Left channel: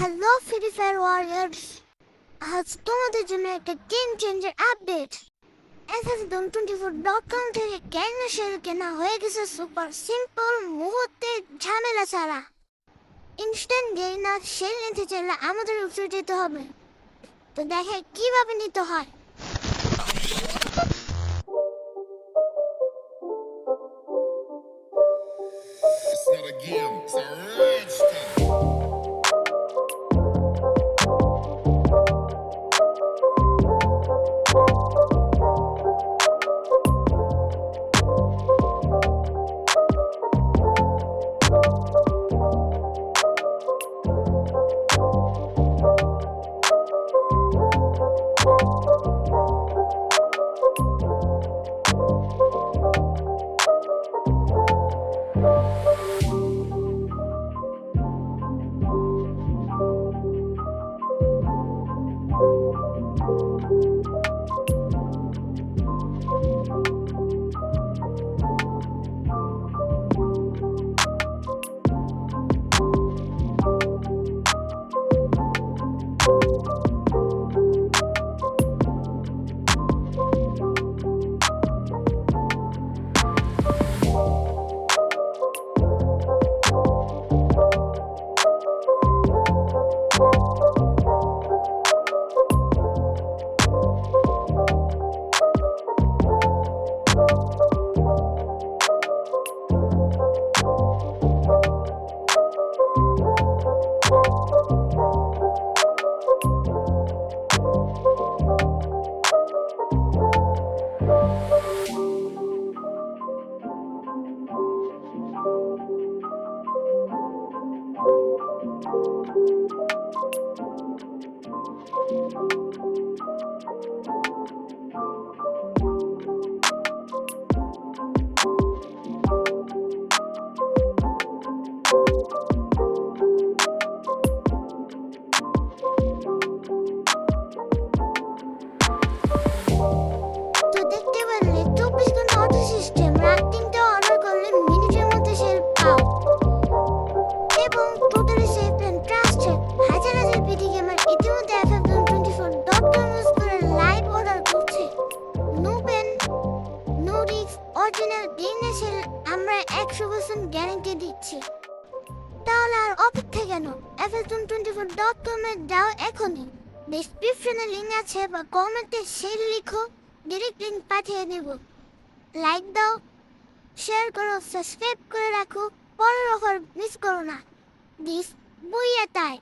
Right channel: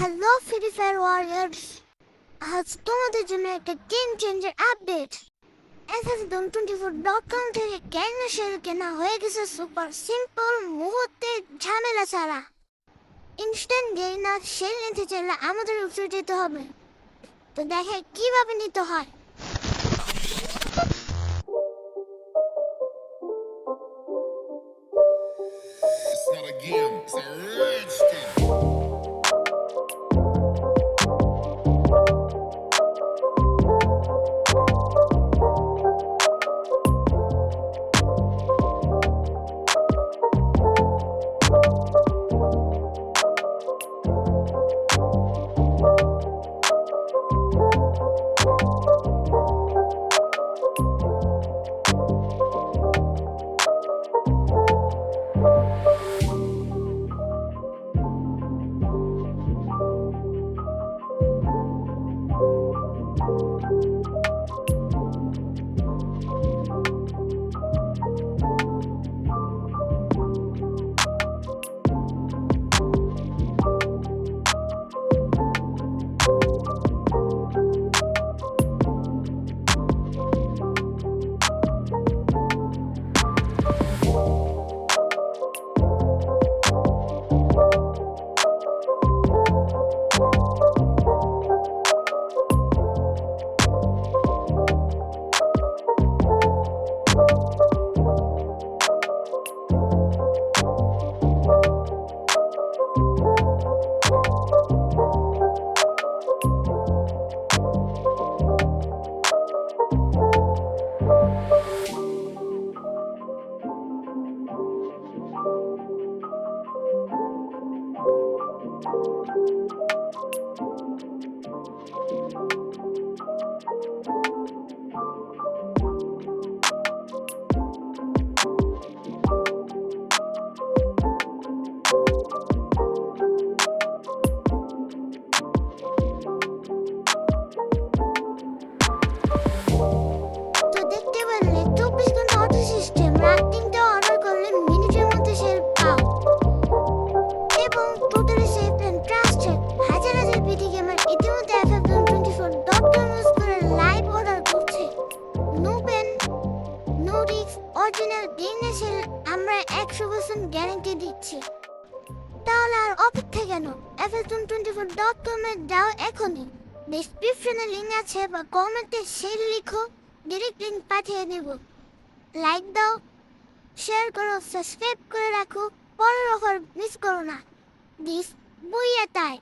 Hello free fire warriors, আজ তোমাদের জন্য একটা গেম চেঞ্জার আপডেট। FF24.com থেকে ক্যারিনা শেল কেনা হয়ে গেছে সুপার সিম্পল, মুহূর্তে ঝামেলা ছাড়া। ইনস্ট্যান্ট গেরিনা শেল নিতে চাইলে আমাদের ওয়েবসাইটে যেতে হবে। তো দেখে কিভাবে নিতে হয়। It's not a game, it's a rich thing. তো দেখতে পারলে 24 ঘন্টা অটো সিস্টেম, রাত 3টে অর্ডার করলে মিনিটের মধ্যে সেল পাও। এবং টোটালি সেফ অ্যান্ড ট্রাস্টেড। হাজার হাজার পিটি গেমার ইতিমধ্যে FF24.com ইউজ করে লাইভ অর্ডার করছে। No pain, no risk, original Garena sale আমরা 100% গ্যারান্টি দিচ্ছি। তাহলে আর অপেক্ষা কেন? FF24.com এ যাও এখনই। ডেসক্রিপশনে লিঙ্ক আছে বা কমেন্টে সেল লিখো, ডিরেক্ট লিঙ্ক পাঠিয়ে দেব। লাইক দাও, শেয়ার করো, সাবস্ক্রাইব করে রাখো, পরের অফার মিস করো না। This booyah time.